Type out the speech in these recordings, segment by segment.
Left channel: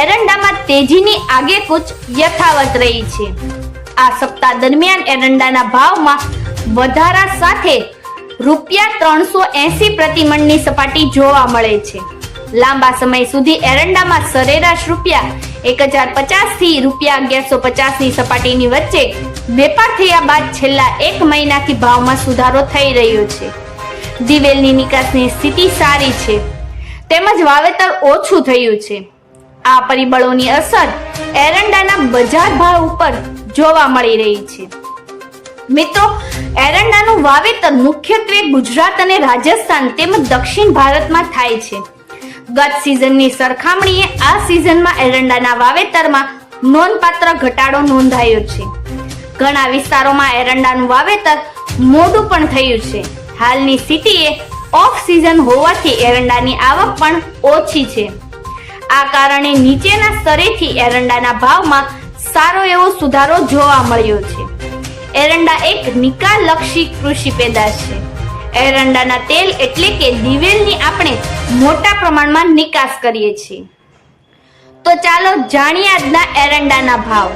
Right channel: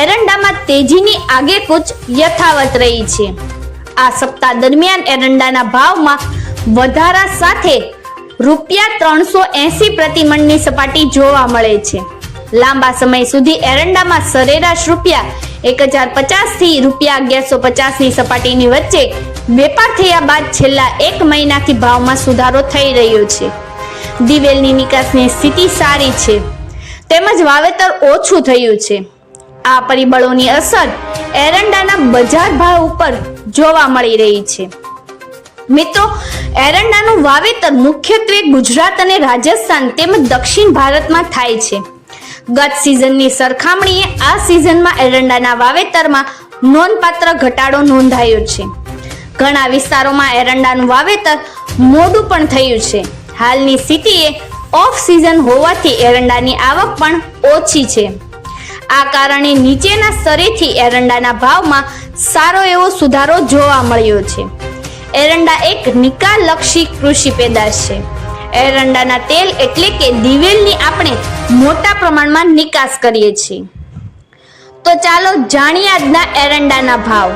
એરંડામાં તેજીની આગેકૂચ યથાવત રહી છે. આ સપ્તાહ દરમિયાન એરંડાના ભાવમાં વધારા સાથે રૂપિયા ત્રણસો એસી પ્રતિમણની સપાટી જોવા મળે છે. લાંબા સમય સુધી એરંડામાં સરેરાશ રૂપિયા એક હજાર પચાસથી રૂપિયા અગિયારસો પચાસની સપાટીની વચ્ચે વેપાર થયા બાદ છેલ્લા એક મહિનાથી ભાવમાં સુધારો થઈ રહ્યો છે. દિવેલની નિકાસની સ્થિતિ સારી છે. તેમજ વાવેતર ઓછું થયું છે. આ પરિબળોની અસર એરંડાના બજાર ભાવ ઉપર જોવા મળી રહી છે. મિત્રો, એરંડાનું વાવેતર મુખ્યત્વે ગુજરાત અને રાજસ્થાન તેમજ દક્ષિણ ભારતમાં થાય છે. ગત સિઝનની સરખામણીએ આ સિઝનમાં એરંડાના વાવેતરમાં નોંધપાત્ર ઘટાડો નોંધાયો છે. ઘણા વિસ્તારોમાં એરંડાનું વાવેતર મોડું પણ થયું છે. હાલની સ્થિતિએ ઓફ સિઝન હોવાથી એરંડાની આવક પણ ઓછી છે. આ કારણે નીચેના સ્તરેથી એરંડાના ભાવમાં સારો એવો સુધારો જોવા મળ્યો છે. એરંડા એક નિકાલક્ષી કૃષિ પેદાશ છે. એરંડાના તેલ એટલે કે દિવેલની આપણે મોટા પ્રમાણમાં નિકાસ કરીએ છીએ. તો ચાલો જાણીએ આજના એરંડાના ભાવ.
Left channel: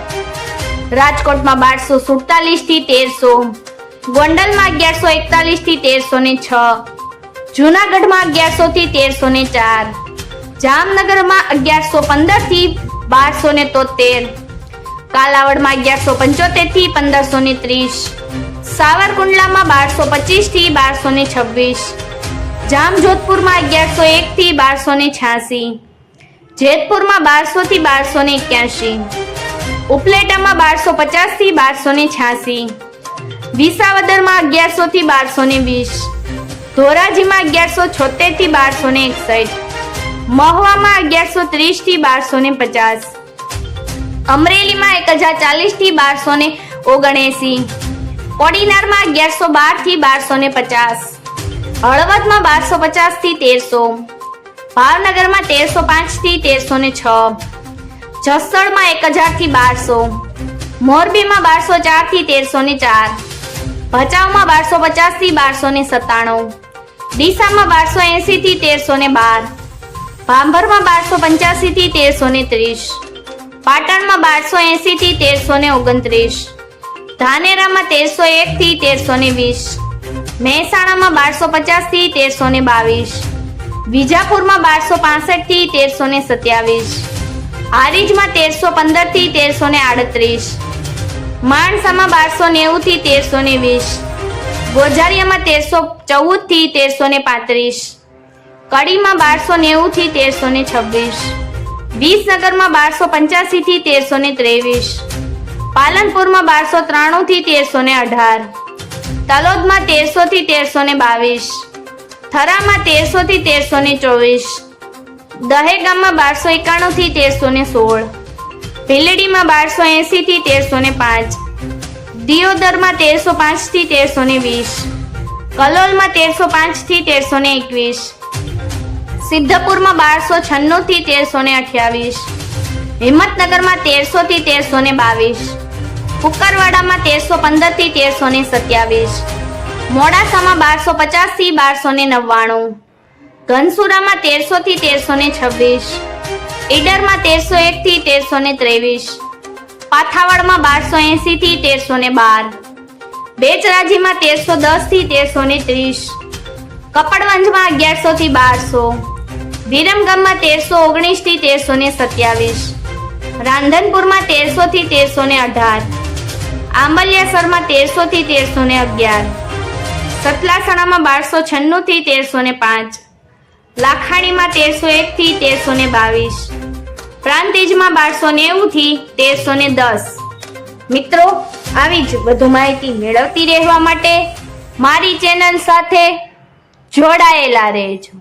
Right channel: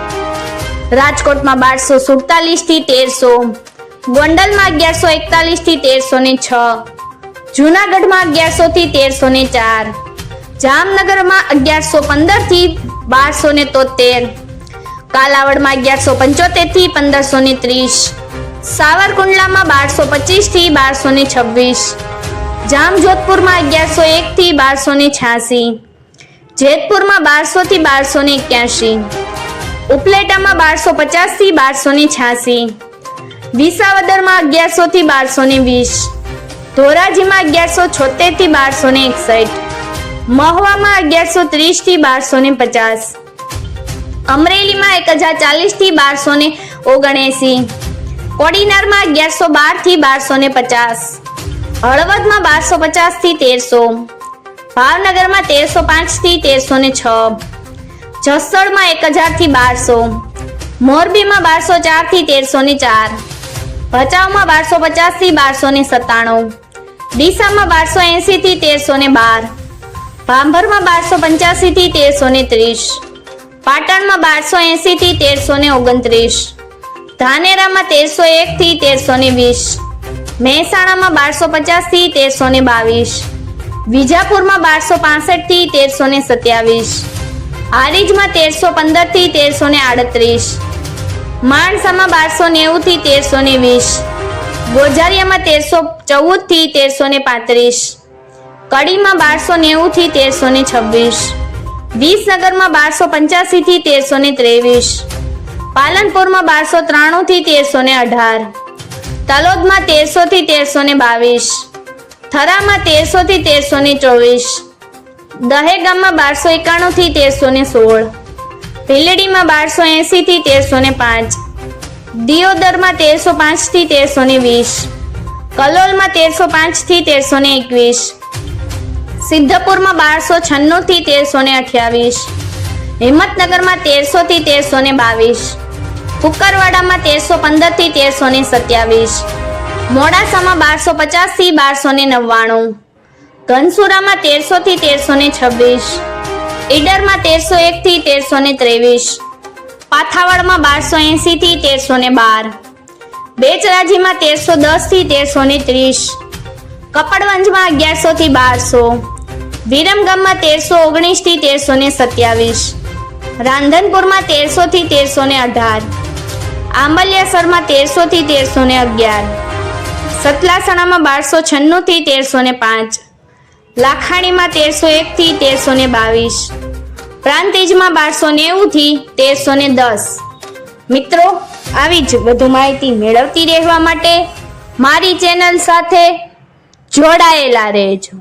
રાજકોટમાં બારસો સુડતાલીસથી તેરસો, ગોંડલમાં અગિયારસો એકતાલીસથી તેરસો ને છ, જુનાગઢમાં અગિયારસો થી તેરસો ને ચાર જામનગરમાં અગિયારસો પંદરથી બારસો ને તોતેર, કાલાવડમાં અગિયારસો પંચોતેરથી પંદરસો ને ત્રીસ, સાવરકુંડલામાં બારસો પચીસથી બારસો ને છવ્વીસ, જામજોધપુરમાં અગિયારસો એક થી બારસો ને છ્યાસી, જેતપુરમાં બારસો થી બારસો ને એક્યાસી, ઉપલેટામાં બારસો પચાસથી બારસો ને છ્યાસી, વિસાવદરમાં અગિયારસો થી બારસો ને વીસ, ધોરાજીમાં અગિયારસો છોતેરથી બારસો ને એકસઠ મહવામાં અગિયારસો ત્રીસથી બારસો ને પચાસ. અમરેલીમાં એક હજાર ચાલીસથી બારસો ને ઓગણએસી. કોડીનારમાં અગિયારસો બારથી બારસો ને પચાસ. હળવદમાં બારસો પચાસથી તેરસો. ભાવનગરમાં તેરસો પાંચથી તેરસો ને છ. જસદણમાં એક હજારથી બારસો. મોરબીમાં બારસો ચારથી તેરસો ને ચાર. ભચાઉમાં બારસો પચાસથી બારસો ને સત્તાણું. ડીસામાં બારસો એસી થી તેરસો ને બાર. ભાંભરમાં બારસો પંચ્યાસી થી તેરસો ને ત્રીસ. પાટણમાં બારસો એંસીથી તેરસો ને ઓગણત્રીસ. ધાનેરામાં તેરસો એક થી તેરસો ને વીસ. મહેસાણામાં બારસો પચાસથી તેરસો ને બાવીસ. વિજાપુરમાં બારસો પાસઠથી તેરસો ને સત્યાવીસ. હારીજમાં તેરસો પંદરથી તેરસો ને આડત્રીસ. માણસામાં બારસો નેવું થી તેરસો ને વીસ. ગોઝારિયામાં તેરસો ચૌદથી તેરસો ને પાંત્રીસ. કડીમાં બારસો નેવું થી તેરસો ને છવ્વીસ. વિસનગરમાં બારસો પંચ્યાસી થી તેરસો ને ત્રેવીસ. પાલનપુરમાં બારસો ત્રાણું થી તેરસો ને અઢાર. તલોદમાં તેરસો થી તેરસો ને બાવીસ. થરામાં તેરસો થી તેરસો ને ચોવીસ. દહેગામમાં બારસો એકાણું થી તેરસો ને સોળ. ભીલડીમાં બારસો એંસી થી તેરસો ને પાંચ. દિયોદરમાં તેરસો પાંચથી તેરસો ને વીસ. કલોલમાં તેરસો પાંચથી તેરસો ને એકવીસ. સિદ્ધપુરમાં બારસો છન્નું થી તેરસો ને અઠ્યાવીસ. હિંમતનગરમાં તેરસો થી તેરસો ને બાવીસ. કુકરવાડામાં તેરસો પંદરથી તેરસો ને સત્યાવીસ. મોડાસામાં બારસો પચાસથી બારસો ને નવ્વાણું. ઘનસુરામાં તેરસો થી તેરસો ને છવ્વીસ. ઈડરમાં તેરસો એક થી તેરસો ને ત્રેવીસ. પાથાવાડમાં બારસો એંસીથી તેરસો ને બાર. બેચરાજીમાં તેરસો દસથી તેરસો. ને ત્રીસ કપડવંજમાં અગિયારસો થી બારસો. વિરમગામમાં તેરસો ઓગણીસથી તેરસો ને સત્યાવીસ. રાંધનપુરમાં તેરસો થી તેરસો ને અઢાર. આંબલિયાસરમાં તેરસો થી તેરસો ને અગિયાર. સતલાસણામાં બારસો છન્નું થી તેરસો ને પાંચ. લાખાણીમાં તેરસો એક થી તેરસો ને બાવીસ. પ્રાંતિજમાં બારસો નેવું થી તેરસો ને દસ. મિત્રો, આવી જ વધુ માહિતી મેળવતી રહેવા માટે મારી ચેનલ સાથે જોડાયેલા રહેજો.